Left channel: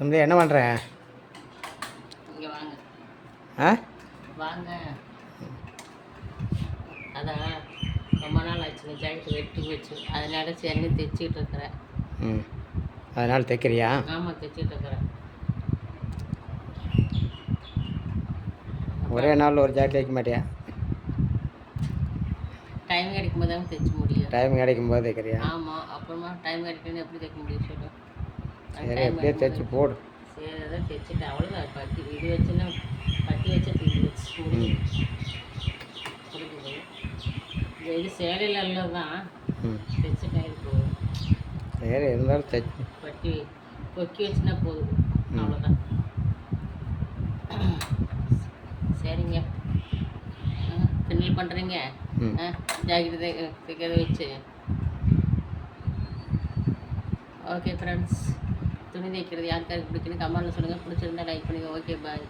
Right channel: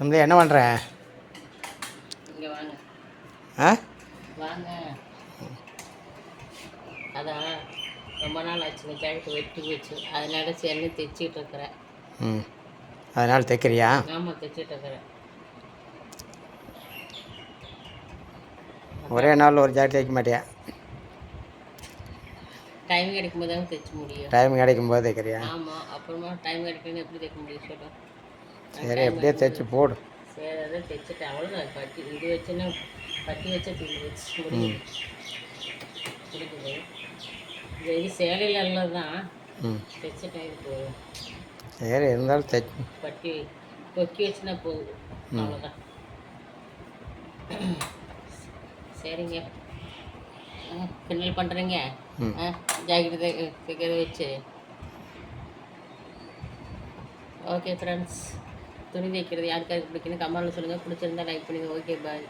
தம்பி என்ன பண்ணுற? இங்கே வாங்க. ஆ வாங்க. அதான் ரொம்ப நாள் ஆச்சு இந்த ஜாக்கெட்டு வெட்டி போச்சு, அதனால சரின்னு தைச்சிட்டு இருக்கிறேன். ம், அதனால் தைக்கிறியா? ஆமாம், தைச்சிட்டு இருக்கிறேன். ஒரே நாள் ஒரு ஜாக்கெட் தைக்க மாட்டியா? டைம் கிடைக்கும் போது தாங்க தைக்க முடியும். டைம் கிடைக்கும் போது தைக்கிறியா? ஆமாம், அப்புறமா டைம் கிடைக்கலன்னு எப்படி தைக்க முடியும் சொல்லு? சரி, எப்படியே தைச்சி போடு. சரி, அதான் தைச்சிட்டேன். அவ்வளோதான். பட்டி இது வச்சுன்னா பட்டி வச்சா தீர்ந்து வச்சு முடியுது. இது சேலையில் எல்லாம் தான் தைச்சிட்டேன். இது போதும். சரி, இருந்தாலும் தைச்சி பட்டி கொக்கி வச்சுன்னா போகுது, அவ்வளோதான். சரிங்க, கிண்டல் பண்ணுறீங்க. ஜாக்கெட்டு தைக்கிறத வச்சு. ஓகே ஃப்ரெண்ட்ஸ், துணி தைக்கிறது யாருக்காருக்கு பிடிக்குன்னு கமெண்ட்டில் சொல்லுங்கள். பிடிச்சிருந்தா லைக் பண்ணுங்கள். ஓகே, பாய்.